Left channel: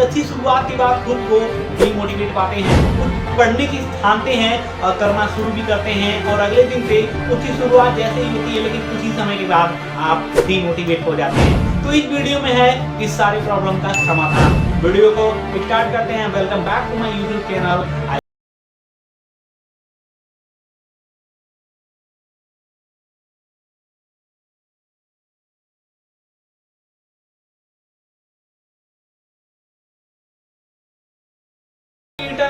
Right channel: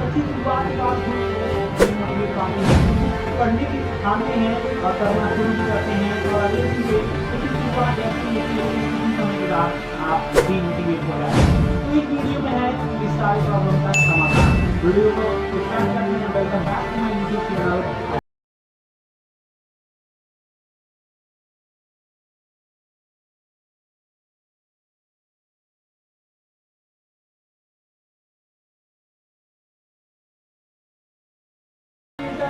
अच्छी शुरुआत के बाद खुद को डिमोटिवेट पाते हैं, कुछ पढ़ने की ठानते हैं और करना शुरू भी करते हैं और अगले दिन से उसकी शुरुआत जैसे ही होती है लेकिन कुछ ही समय के बाद आप डिमोटिवेट हो जाते हैं। तो इस वीडियो में है इस सारे प्रॉब्लम का समाधान। वीडियो को स्टार्ट करते हैं। Welcome back to my YouTube channel.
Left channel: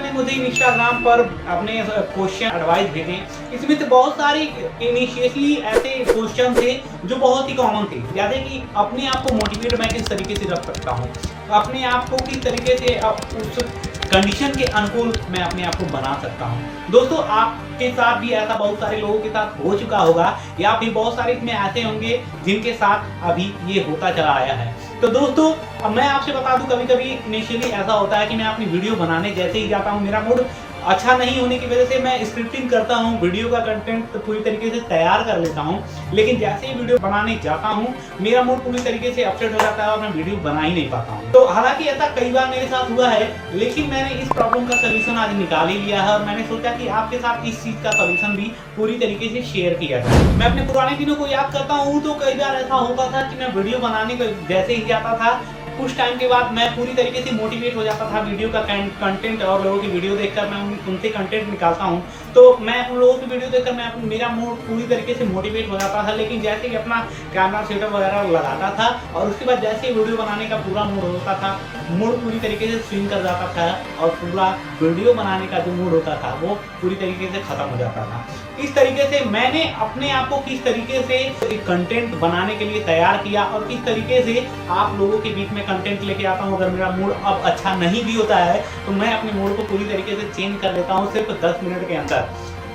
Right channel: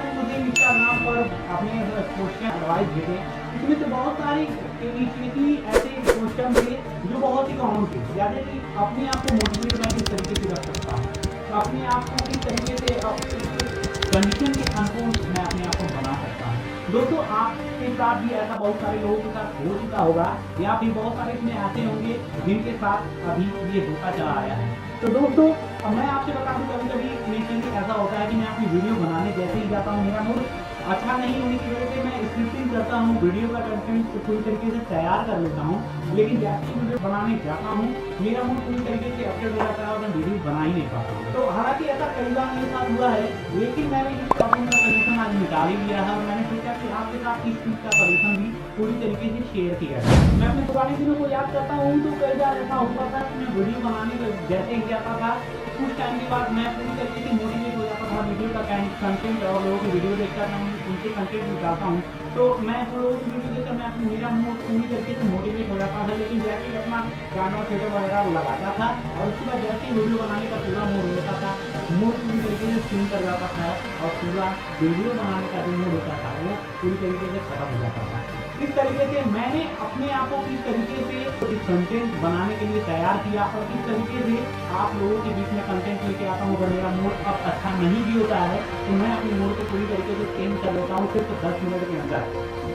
ने मुझे इंस्टाग्राम पर अपने क्वेश्चन एडवाइस भेजे। इसमें से बहुत सारे इनिशियली ऐसे क्वेश्चन थे जो बहुत ही कॉमन थे, जैसे कि अपने आप को मोटिवेट मैं किस तरीके से रख सकता हूँ, अपने आप को किस तरीके से उस कंडीशन के अनुकूल मैं अपने आप को बना सकता हूँ। दोस्तों आपके साथ भी ऐसा बहुत सारे लोगों के साथ हो चुका होगा या फिर बहुत सारे इसमें ऐसे होंगे जिनके साथ अभी ये होता चला आया है। तो दोस्तों अब मैं आपसे बता दूं, कभी कभी इनिशियली ऐसा होता है कि मैं अपनी वीडियो बनाने जैसे ही जाता हूं, मेरा मूड अच्छा नहीं होने की वजह से मैं स्क्रिप्टिंग करता हूं, वीडियो का कंटेंट पूरी तरीके से तैयार कर लेता हूं, लेकिन जैसे ही वीडियो बनाने जाता हूं मेरा मूड पूरी तरीके से अपसेट हो जाता है और मैं वीडियो बना ही नहीं पाता हूं। तो हालांकि ऐसा कई बार मेरे साथ हुआ है, लेकिन मैंने इस प्रॉब्लम का सोल्यूशन आज निकाल ही लिया है और मैंने सोचा कि आपके साथ इस चीज का सोल्यूशन भी पूरी तरीके से शेयर किया जाए। मैं अपने पुराने दिनों को याद करता हूँ तो कई बार ऐसा होता था कि मैं वीडियो बनाने को जैसे ही जाता था कुछ टाइम के बाद मैं पूरी तरीके से मोटिवेट हो जाता था वीडियो का कंटेंट और लोगों की वीडियो देखकर मैं उनसे कंटेंट निकालता हूं, तो मैं उन लोगों की वीडियो देखकर मेरा मूड पूरी तरीके से मोटिवेट हो जाता था। लेकिन जैसे ही अपना कैमरा सेटअप वगैरह लगाता था और उसके बाद जैसे ही वीडियो बनाने का पूरा मूड होता था, मूड पूरी तरीके से स्विंग कर जाता था और पूरा वीडियो बनाने का जो मूड होता था वो पूरी तरीके से खत्म हो जाता था। इस तरीके से मैंने अपने आप को किस तरीके से कंटेंट बनाने के लिए तैयार किया और किस तरीके से आप लोगों के बीच में कंटेंट लेके आता हूँ। अगर मेरा मूड अब अच्छा नहीं भी होता है तो मैं अपने मूड को पूरी तरीके से चेंज कर लेता हूँ सिर्फ 10 मिनट के अंदर।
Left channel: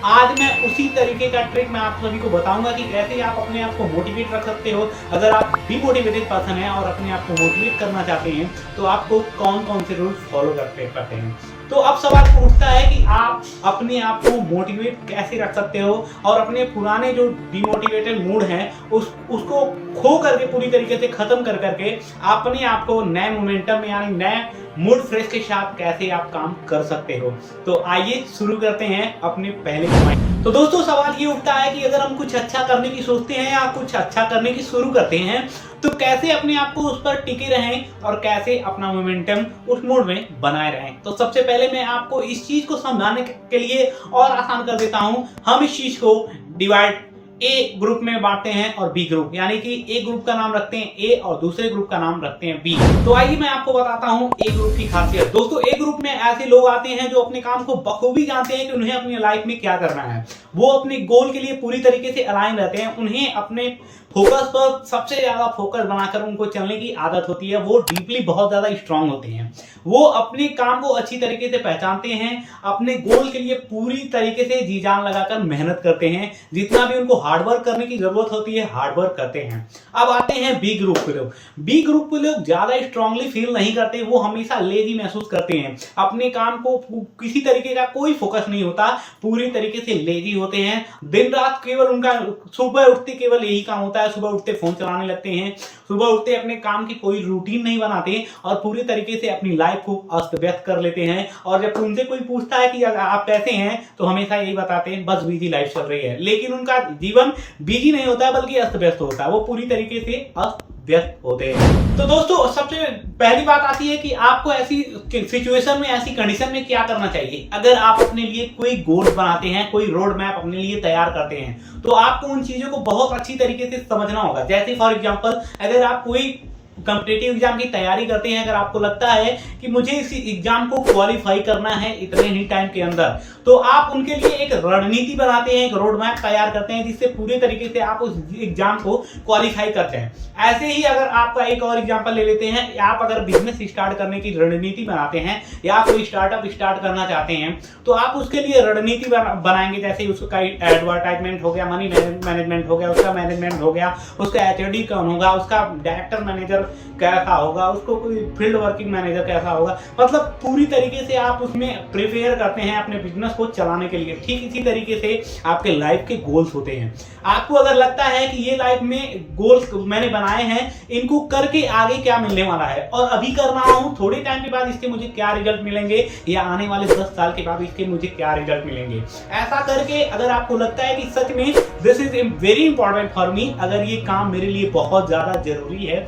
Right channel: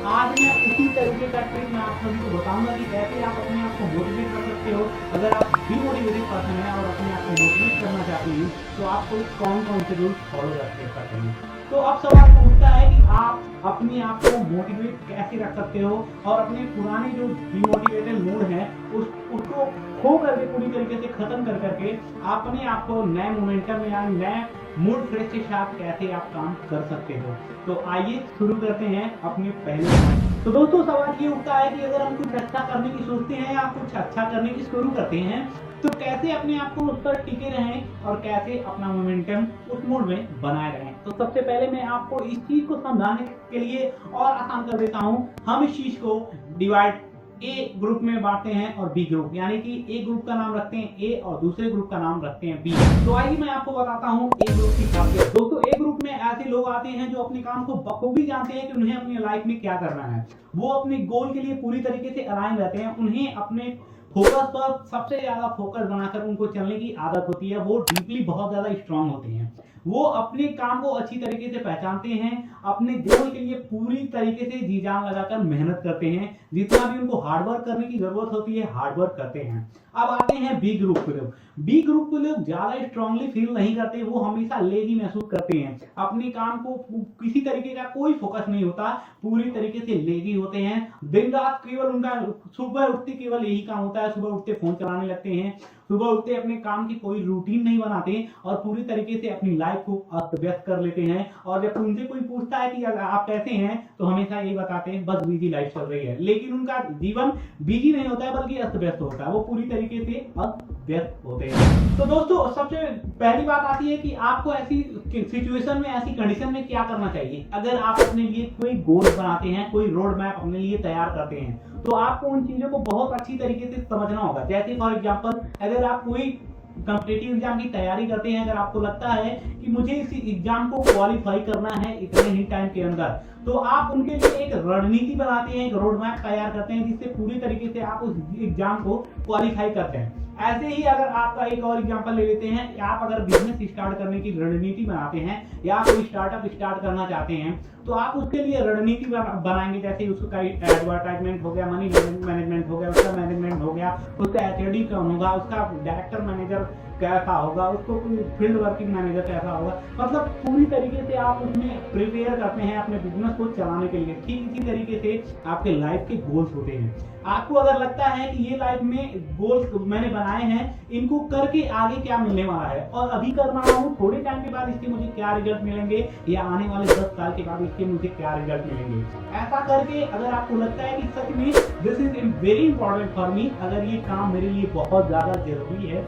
आज मैं उसी तरीके का ट्रिक मैं आप सभी को बताऊंगा कि कैसे आप अपने आप को मोटिवेट रख सकते हो। अगर आप डिमोटिवेटेड पर्सन हैं और अपने आप को मोटिवेट करना चाहते हैं तो आपको कौन कौन से रूल्स फॉलो करते हैं। तो अब सवाल उठता है कि आप अपने आप को मोटिवेट कैसे रख सकते हो और अपने पुराने जो डिमोटिवेटेड मूड हैं उसको खो करके पूरी तरीके से खत्म कर करके अपने आप को नए मोमेंटम में यानी नए मूड फ्रेश के साथ कैसे आप काम कर सकते हो। तो आइए शुरू करते हैं अपने पहले पॉइंट। तो दोस्तों सवाल ये उठता है कि अगर हम कुछ अच्छा करने की सोचते हैं या कुछ अच्छा करने की शुरू करते हैं तो कैसे अपने आप को उस पर टिके रहें और कैसे अपना मोमेंटम उस मूड में बनाए रहें। तो सबसे पहले मैं आपको इस चीज को समझाने के लिए और आसान कर देता हूं। हम इस चीज को डिवाइड ए ग्रुप में बांटते हैं और बी ग्रुप, यानी कि ए ग्रुप का नाम रखते हैं ए और दूसरे ग्रुप का नाम रखते हैं बी। तो आइए मैं आपको बताता हूं ए ग्रुप की खासियत। दोस्तों ए ग्रुप में ऐसे लोग आते हैं जो अपने काम को बखूबी जानते हैं कि उन्हें अपनी लाइफ में क्या करना है, वो अपने गोल के लिए पूरी तरीके से अलाइन रहते हैं, उन्हें अपने फोकस पर सबसे ज्यादा फोकस बनाकर उनको चलने की आदत होती है, वो डीपली बहुत ज्यादा स्ट्रांग होते हैं, वो अपने काम को अच्छी तरीके से पहचानते हैं, अपने गोल के लिए पूरी तरीके से जी जान लगाकर मेहनत करते हैं, जितना भी उनको हार्डवर्क करने की जरूरत होती है हार्डवर्क करते हैं। अब आते हैं बी ग्रुप के लोग। बी ग्रुप के लोग ज्यादा स्ट्रांगली फील नहीं करते, वो हमेशा लेजी महसूस करते हैं, अपने काम को किसी तरीके का कोई फोकस नहीं होता, पूरी तरीके से लेजी होते हैं, दिन रात केवल उनका सुबह उठते केवल यही काम होता है, सुबह उठते फोन चलाने लगते हैं, सुबह उठते अपने काम की कोई रूटीन नहीं बनाते और पूरी तरीके से अपनी लाइफ को अस्त व्यस्त कर लेते हैं। और जब उनसे कोई पूछता है कि आप कैसे हैं तो हमेशा यही बताते हैं बस बिजी लाइफ चल रही है, लेकिन उनका जीवन बिजी नहीं होता है बल्कि अस्त व्यस्त होता है, वो पूरी तरीके से अस्त व्यस्त होते हैं। तो दोस्तों सबसे पहली बात आती है कि आपको ऐसी सिचुएशन में, ऐसी कंडीशन में क्या करना चाहिए। अगर आप अपने लिए कोई गोल बनाते हैं, कोई रोड मैप अपने लिए तैयार करते हैं तो आपको उन चीजों को बहुत अच्छी तरीके से समझना होगा। जैसे फॉर एग्जांपल अगर आप कोई कॉम्पिटिटिव एग्जाम की तैयारी करते हैं, अगर आपको लगता है कि मुझे इस एग्जाम को क्वालिफाई करना है इतने ही टाइम के अंदर, तो आप उनके लिए एक रणनीति बनाते हैं, एक रोड मैप तैयार करते हैं जिससे पूरे तरीके से आप उस एग्जाम को क्वालिफाई करते हैं। ऐसे ही अगर आपका एक और एग्जांपल ले लेते हैं, आप अगर बिजनेस स्टार्ट करने की रणनीति बनाते हैं या कोई स्टार्टअप स्टार्ट करना चाहते हैं तो आप उसके लिए रणनीति बनाएंगे। जैसे उसका एडवर्टाइजमेंट हो गया, मनी मैनेजमेंट हो गया, उसका मैनेजमेंट हो गया, उसका एचओडी कौन होगा, उसका डायरेक्टर मैनेजर कैसा होगा, उसको कोई फील्ड वर्किंग मैनेजर कैसा होगा, मतलब पूरी तरीके से आप उसमें प्रिपेयर करते हैं अपने बिजनेस को चलाने के लिए। ठीक इसी तरीके से आपके लाइफ के गोल्स होते हैं। आपको अगर लगता है कि ये लाइफ में गोल्स मैंने बनाए हैं, इनको करके आगे क्या मिलने वाला है और अभी कर रहा हूँ, थोड़े टाइम के बाद इसके मुझे क्या रिजल्ट मिलेंगे या आने वाले 10 साल के बाद इसके मुझे क्या रिजल्ट मिलेंगे, ऐसा करके अगर आपको लगता है कि सच में this is very important for me, अगर ये काम मेरे लिए बहुत ज्यादा जरूरी है,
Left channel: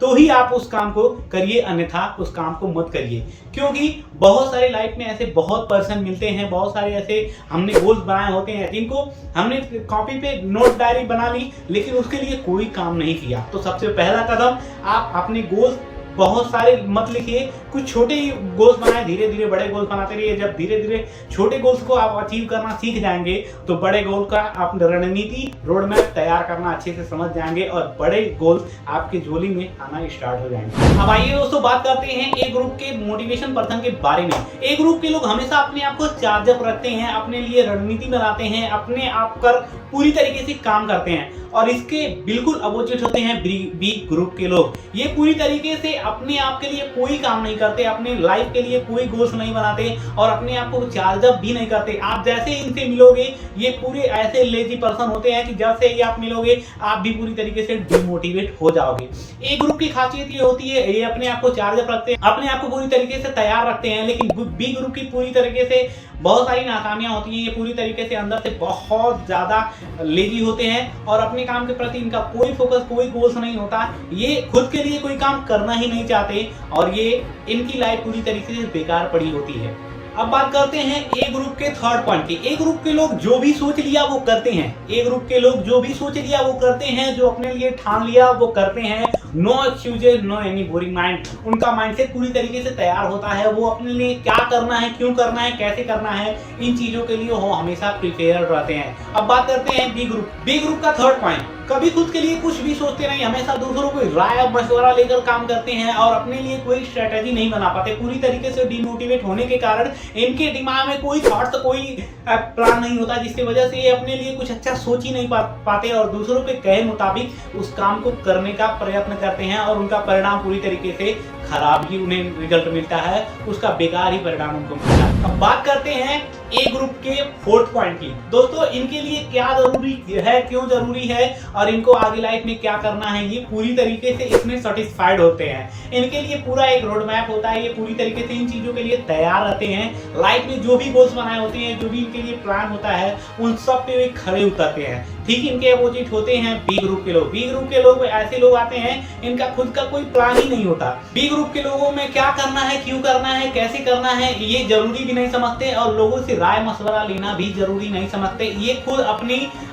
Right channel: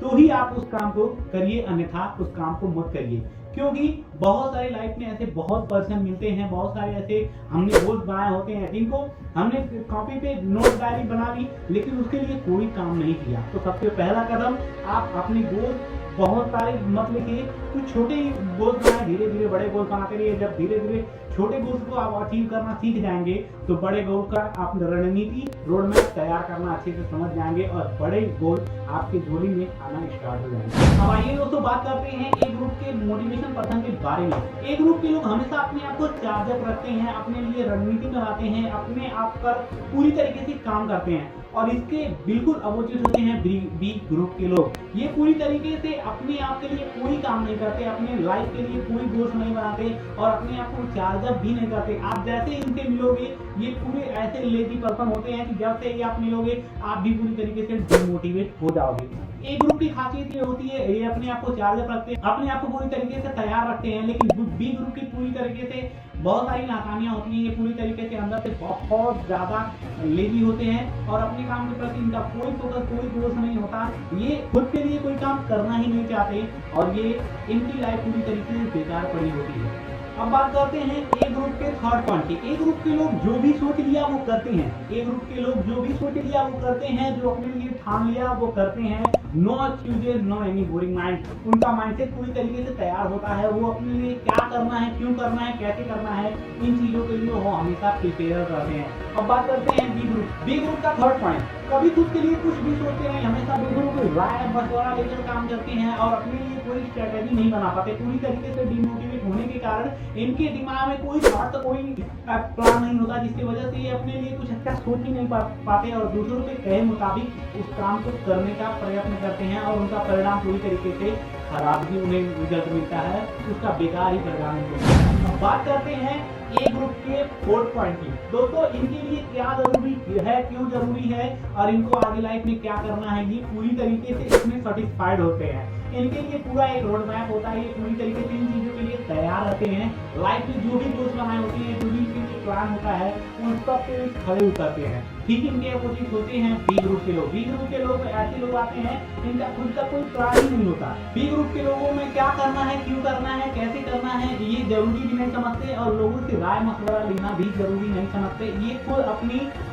तो ही आप उस काम को करिए, अन्यथा उस काम को मत करिए। क्योंकि बहुत सारे लाइफ में ऐसे बहुत पर्सन मिलते हैं, बहुत सारे ऐसे हमने गोल्स बनाए होते हैं जिनको हमने कॉपी पे नोट डायरी बना ली, लेकिन उसके लिए कोई काम नहीं किया। तो सबसे पहला कदम, आप अपने गोल्स बहुत सारे मत लिखिए, कुछ छोटे ही गोल्स बनाए, धीरे धीरे बड़े गोल्स बनाते रहिए। जब धीरे धीरे छोटे गोल्स को आप अचीव करना सीख जाएंगे तो बड़े गोल का आप रणनीति रोड मैप तैयार करना अच्छे से समझ जाएंगे और बड़े गोल आपकी झोली में आना स्टार्ट हो जाएंगे। अब आइए दोस्तों बात करते हैं ए ग्रुप के मोटिवेशन पर्सन के बारे में। ए ग्रुप के लोग हमेशा अपने आप को चार्ज अप रखते हैं, अपने लिए रणनीति बनाते हैं, अपने आप पर पूरी तरीके से काम करते हैं और इसके बिल्कुल अपोजिट होते हैं बी ग्रुप के लोग। ये पूरी तरीके से अपने आप के लिए कोई काम नहीं करते, अपने लाइफ के लिए कोई गोल्स नहीं बनाते और अपने आप को चार्ज अप भी नहीं करते। आप जैसे इनसे मिलोगे, ये पूरे ऐसे लेजी पर्सन होते हैं कि जब से ये आप मिलोगे आप भी पूरी तरीके से डिमोटिवेट हो जाओगे। ए ग्रुप की खासियत ये होती है, ये अपने आप को चार्ज अप रखते हैं, अपने आप को पूरी तरीके से तैयार रखते हैं, लेकिन बी ग्रुप की पूरी तरीके से बहुत सारी नाकामियां होती हैं। ये पूरी तरीके से अंदर से बहुत ज्यादा लेजी होते हैं और अपने काम के प्रति इनका कोई फोकस, कोई गोल्स नहीं होता। ये खुद के लिए कोई काम करना ही नहीं चाहते और ये इनकी लाइफ पूरी तरीके से बेकार पड़ी होती है। अब बात करते हैं ए ग्रुप के थर्ड पॉइंट की। ए ग्रुप के लोग जो भी सोच लिया वो करते हैं। ए ग्रुप के लोग जो भी सोच लिया वो करते हैं, जो अपने लिए ठान लिया वो करते हैं। No excuses, no any boring mind. उनका माइंडसेट पूरी तरीके से तैयार होता है। वो अपने लिए क्या करना है, क्यों करना है, कैसे करना है, इन चीजों के लिए वो हमेशा प्रिपेयर रहते हैं। अब बात करते हैं बी ग्रुप। बी ग्रुप का थर्ड पॉइंट, कभी खुद के लिए कुछ भी सोचते नहीं, हमेशा दूसरों को राय मशवरा लेकर काम करते हैं और अपने लिए कोई स्ट्रेटेजी नहीं बना पाते। पूरी तरीके से डिमोटिवेट होने के कारण इनके दिमाग में कोई थॉट्स, कोई प्लान नहीं होता, जिसकी वजह से ये अपने लिए कुछ अच्छा सोच ही नहीं पाते और दूसरों के कहे मुताबिक उस काम को करने का प्रयत्न करते हैं और उनका परिणाम पूरी तरीके से खराब ही उन्हें रिजल्ट मिलता है, उसका बेकार ही परिणाम उनको मिलता है। अब बात करते हैं ए ग्रुप के फोर्थ पॉइंट की। दोस्तों इनके लिए क्या जरूरी है, क्यों जरूरी है और इनको आगे लाइफ में क्या करना है, ये पूरी तरीके से इसमें सेटिस्फाइड होते हैं। इनके लिए पूरा एक रोड मैप होता है, ये पूरी तरीके से इन चीजों के लिए तैयार रहते हैं। लाइफ में जो भी गोल्स बनाए होते हैं, जो भी इनके लिए प्लान होता है, उन सब पे वे खड़े उतरते हैं। ठीक इनके अपोजिट होते हैं बी ग्रुप के लोग। बी ग्रुप के लोग ऐसे लोग आते हैं इनका खुद का कोई प्लान ही नहीं होता। बी ग्रुप के लोगों में क्या करना है, क्यों करना है, कैसे करना है, ये जरूरी भी नहीं समझते और लोगों से राय मशवरा लेना भी जरूरी नहीं समझते। ये खुद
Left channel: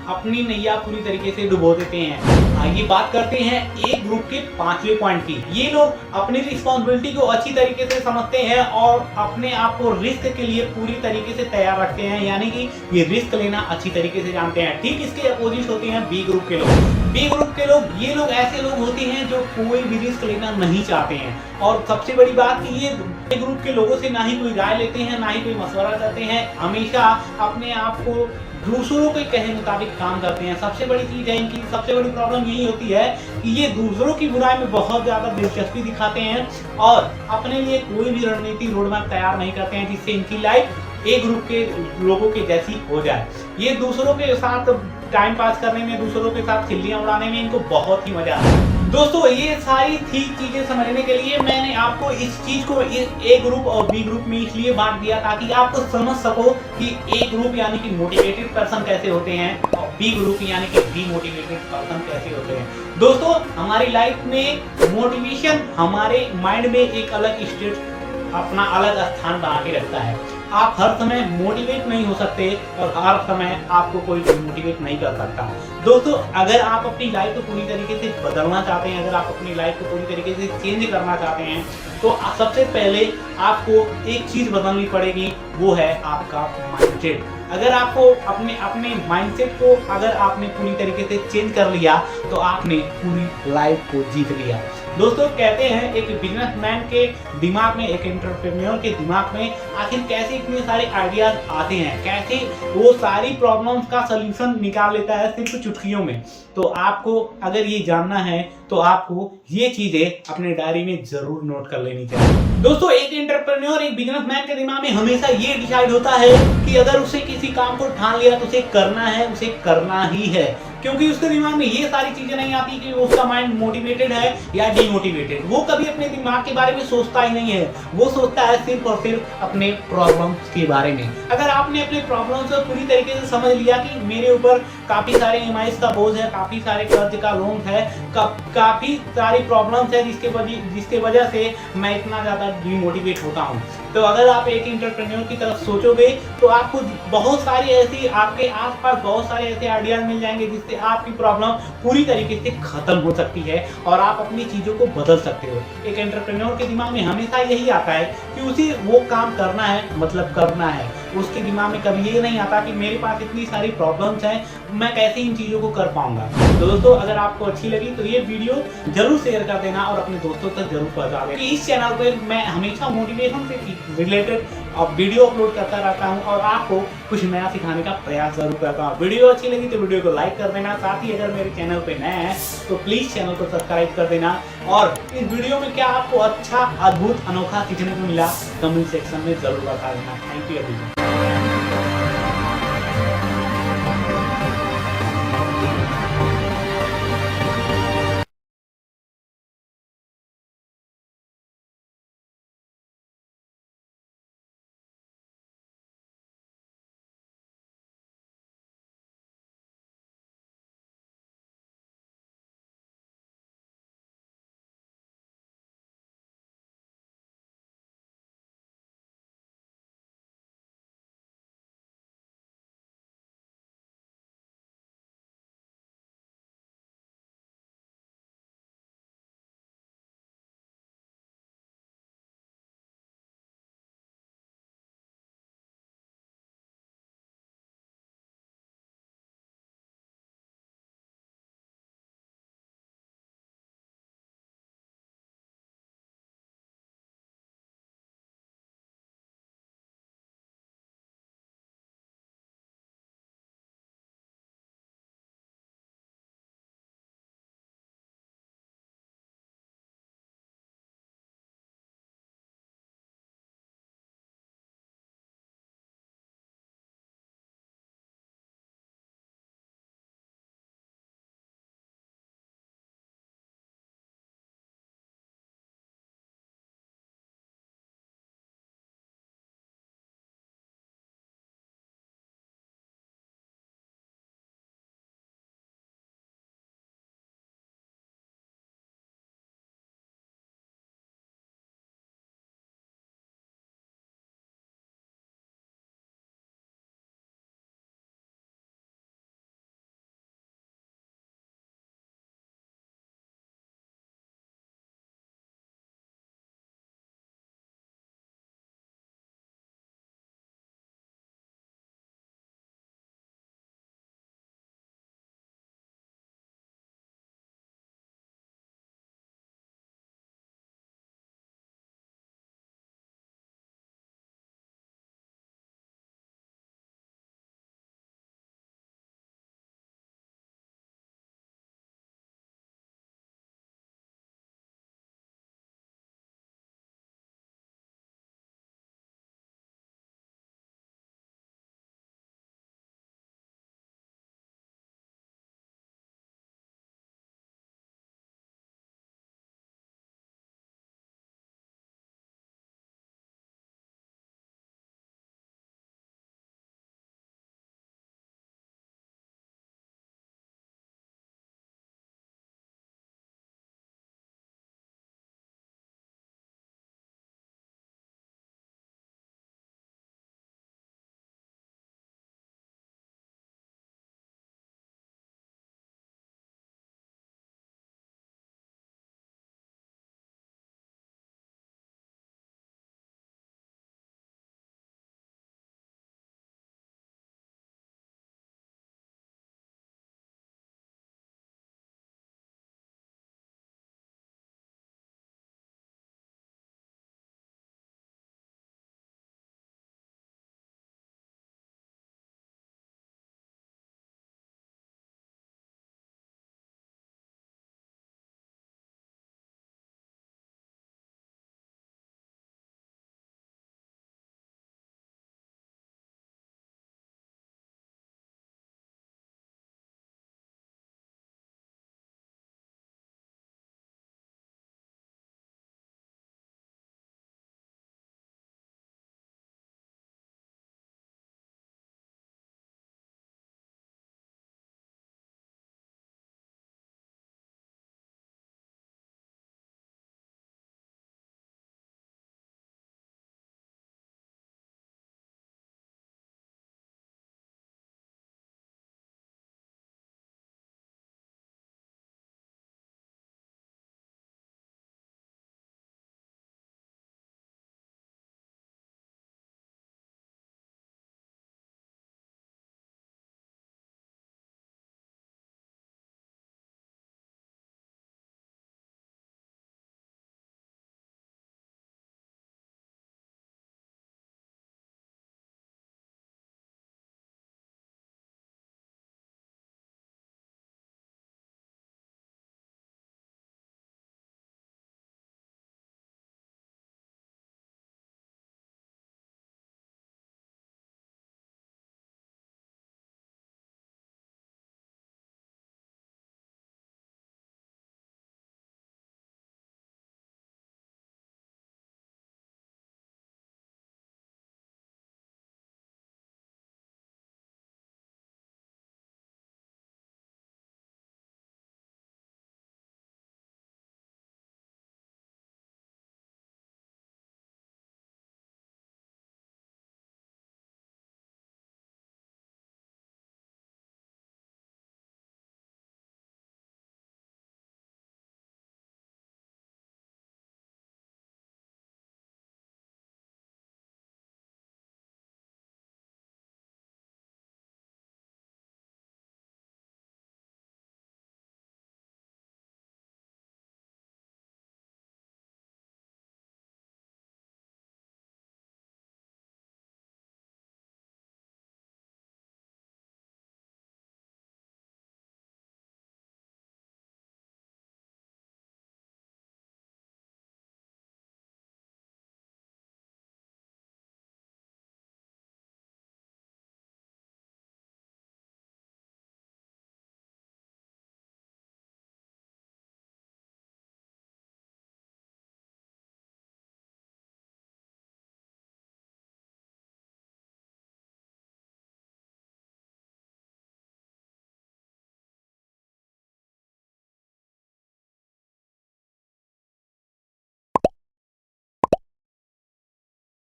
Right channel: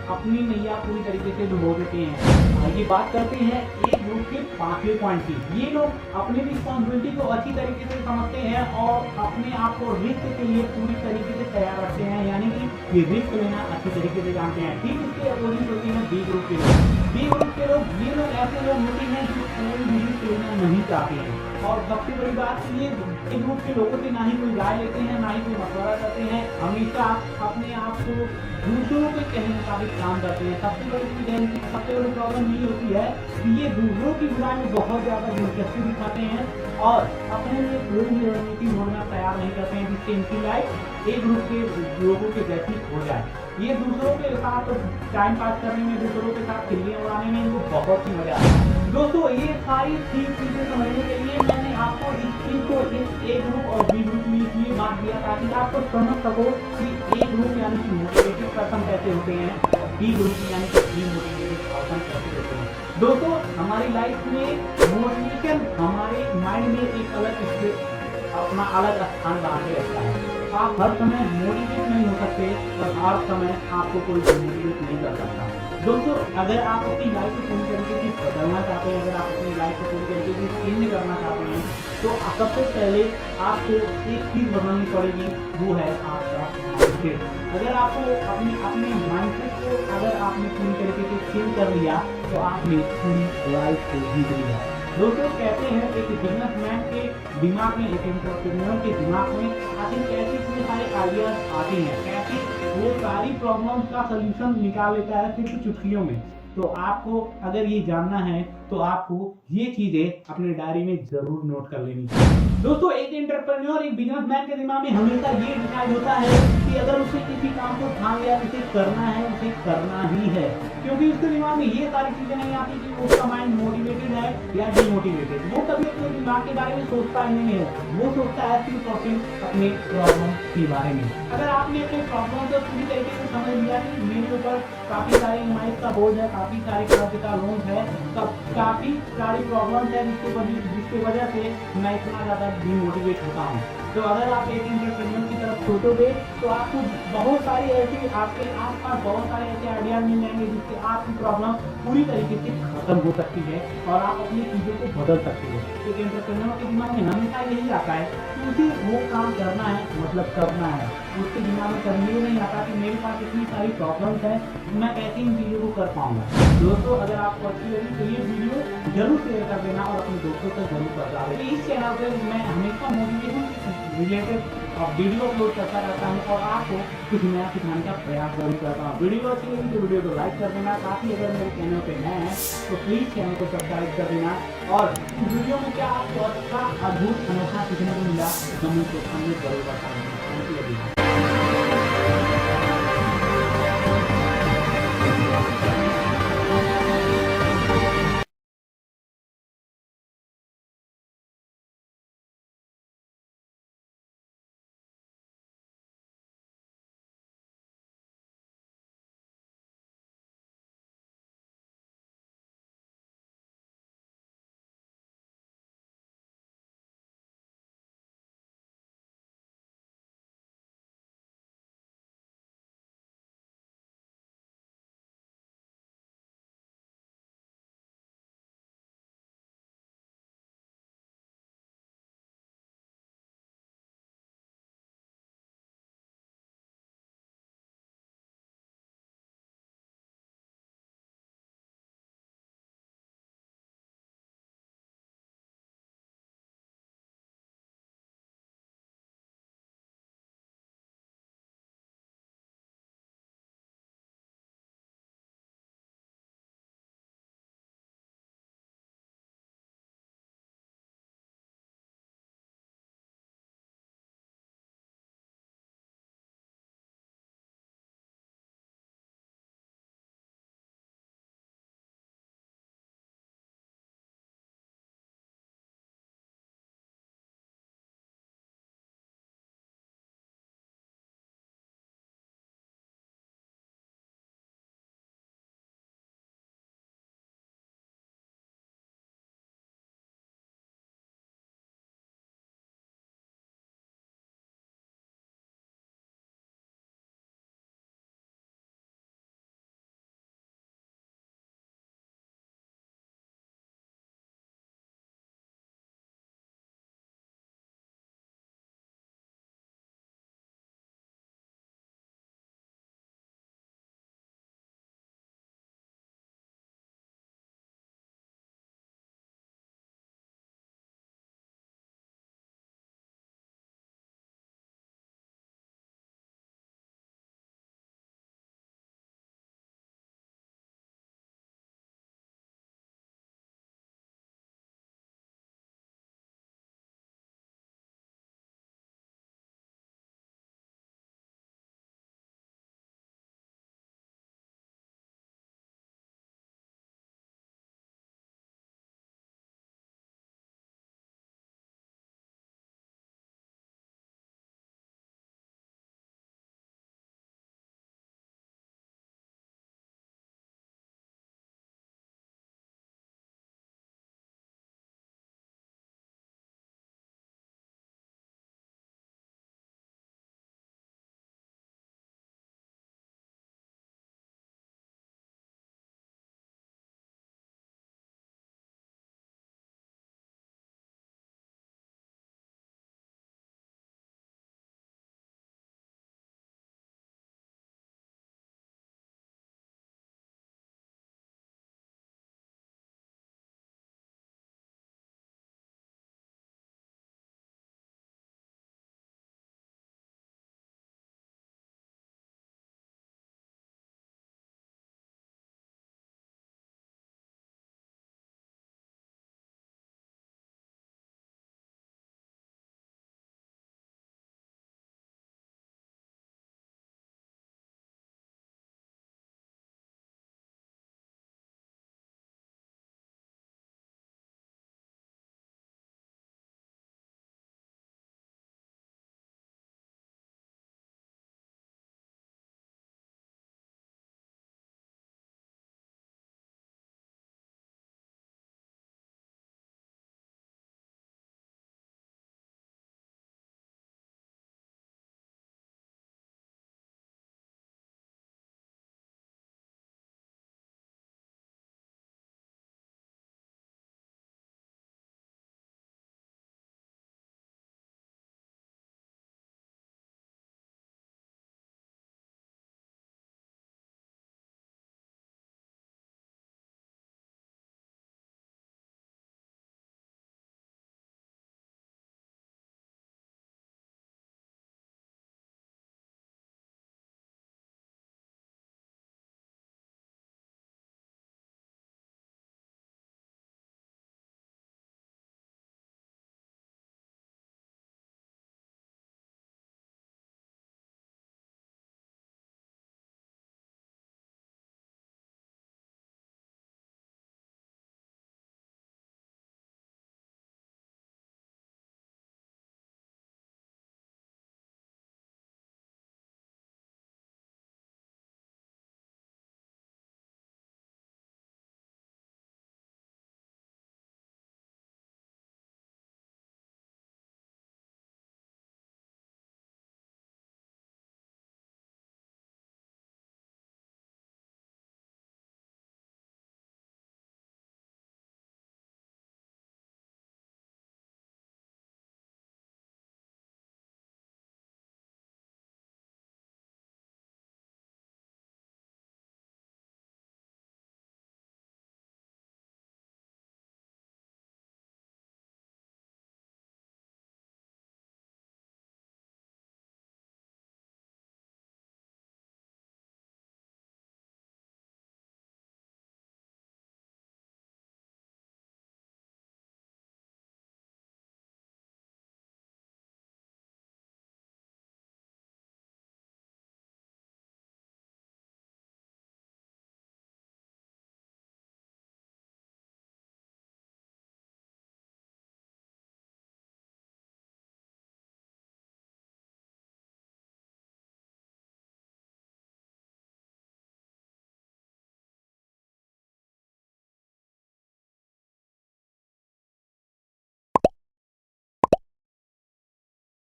अपनी नैया पूरी तरीके से डुबो देते हैं। आइए बात करते हैं ए ग्रुप के पांचवें पॉइंट की। ये लोग अपनी रिस्पॉन्सिबिलिटी को अच्छी तरीके से समझते हैं और अपने आप को रिस्क के लिए पूरी तरीके से तैयार रखते हैं, यानी कि ये रिस्क लेना अच्छी तरीके से जानते हैं। ठीक इसके अपोजिट होते हैं बी ग्रुप के लोग। बी ग्रुप के लोग, ये लोग ऐसे लोग होते हैं जो कोई भी रिस्क लेना नहीं चाहते हैं और सबसे बड़ी बात कि ये ए ग्रुप के लोगों से ना ही कोई राय लेते हैं, ना ही कोई मशवरा करते हैं, हमेशा अपने आप को दूसरों के कहे मुताबिक काम करते हैं। सबसे बड़ी चीज है इनकी, सबसे बड़ी प्रॉब्लम यही होती है कि ये दूसरों की बुराई में बहुत ज्यादा दिलचस्पी दिखाते हैं और अपने लिए कोई भी रणनीति रोड मैप तैयार नहीं करते हैं जिससे इनकी लाइफ ए ग्रुप के लोगों के जैसी हो जाए। ये दूसरों के साथ टाइम पास करने में, दूसरों के साथ खिल्लियां उड़ाने में इनको बहुत ही मजा आता है। दोस्तों ये सारी थी चीजें समझने के लिए मैंने आपको इस चीज को ए ग्रुप और बी ग्रुप में इसलिए बांट दिया ताकि आपको समझ सको कि ए ग्रुप यानी कि मोटिवेटेड पर्सन कैसे होते हैं और बी ग्रुप यानी कि डीमोटिवेटेड पर्सन कैसे होते हैं। दोस्तों हमारी लाइफ में मोटिवेशन हमारे माइंड में एक अलग स्टेट, अपना अलग स्थान बना के रखता है। आप हर समय मोटिवेट नहीं हो सकते और हर समय आपको कोई मोटिवेट नहीं कर सकता। दोस्तों अगर आप अपनी लाइफ को पूरी तरीके से बदलना चाहते हैं, अगर आप अपनी लाइफ को पूरी तरीके से चेंज करना चाहते हैं तो सबसे पहले आपको एक चीज बदलनी पड़ेगी, वो है आपका माइंडसेट। अगर आपको अपने माइंडसेट को अगर आपने पूरी तरीके से चेंज कर लिया तो आपने पूरी लाइफ को जीत लिया। दोस्तों कहते हैं एक बिजनेसमैन के दिमाग में, एक एंटरप्रेन्योर के दिमाग में आखिर कैसे इतने सारे आइडियाज आते हैं, कैसे वो सारी प्रॉब्लम्स का सलूशन निकाल लेता है सिर्फ चुटकियों में। तो आपको अगर ये जानना है तो आपको ये चीजें अपने डायरी में जरूर नोट कर लेनी चाहिए। दोस्तों एक एंटरप्रेन्योर, एक बिजनेसमैन के दिमाग में हमेशा ये डिसाइड होता है कि अगर उसे किसी काम को ठान लिया तो उसे करना है, उसे करना ही है, क्योंकि उसके दिमाग में ये सारी चीजें नहीं आती कि उसका माइंड मोटिवेटेड है या डिमोटिवेटेड। वो कभी अपने दिमाग के बारे में सोचता ही नहीं है, वो सोचता है सिर्फ और सिर्फ अपने प्रॉब्लम्स के बारे में। अगर आपने अपने प्रॉब्लम्स को पूरी तरीके से समझ लिया कि मेरे ऊपर काफी सारे ईएमआईज का बोझ है, काफी सारे कर्ज का लोन है, काफी सारी प्रॉब्लम्स है जिसके वजह से मैं इतना ज्यादा डिमोटिवेट होता हूँ, तो अगर आप एक एंटरप्रेन्योर की तरफ सोचोगे तो आपको बहुत सारी ऐसी, आपके आसपास बहुत सारे ऐसे आइडियाज मिल जाएंगे जिससे आपकी प्रॉब्लम पूरी तरीके से खत्म हो सकती है और आप अपनी चीजों को बदल सकते हो। एक एंटरप्रेन्योर के दिमाग में हमेशा यही आता है कि उसे वो काम करना है, मतलब करना है। उसके दिमाग में कभी ये नहीं आता कि मेरे पास इतनी सारी प्रॉब्लम्स हैं, मैं कैसे इन चीज़ों को कर पाऊंगा। तो दोस्तों अगर आपको अच्छी लगी तो ये वीडियो जरूर शेयर कर देना और अपने दोस्तों तक जरूर पहुंचा देना। इस चैनल पर मैं हमेशा मोटिवेशन से रिलेटेड वीडियो अपलोड करता रहता हूं और आपको कुछ नया सिखाने का प्रयास जरूर करता हूं। वीडियो अच्छी लगी तो वीडियो को लाइक कर देना, साथ ही अगर मेरे चैनल पे नए हैं तो प्लीज़ चैनल को सब्सक्राइब कर देना। और इस वीडियो में क्या आपको अच्छा, अद्भुत, अनोखा सीखने को मिला कमेंट सेक्शन में जरूर बता देना। Thank you.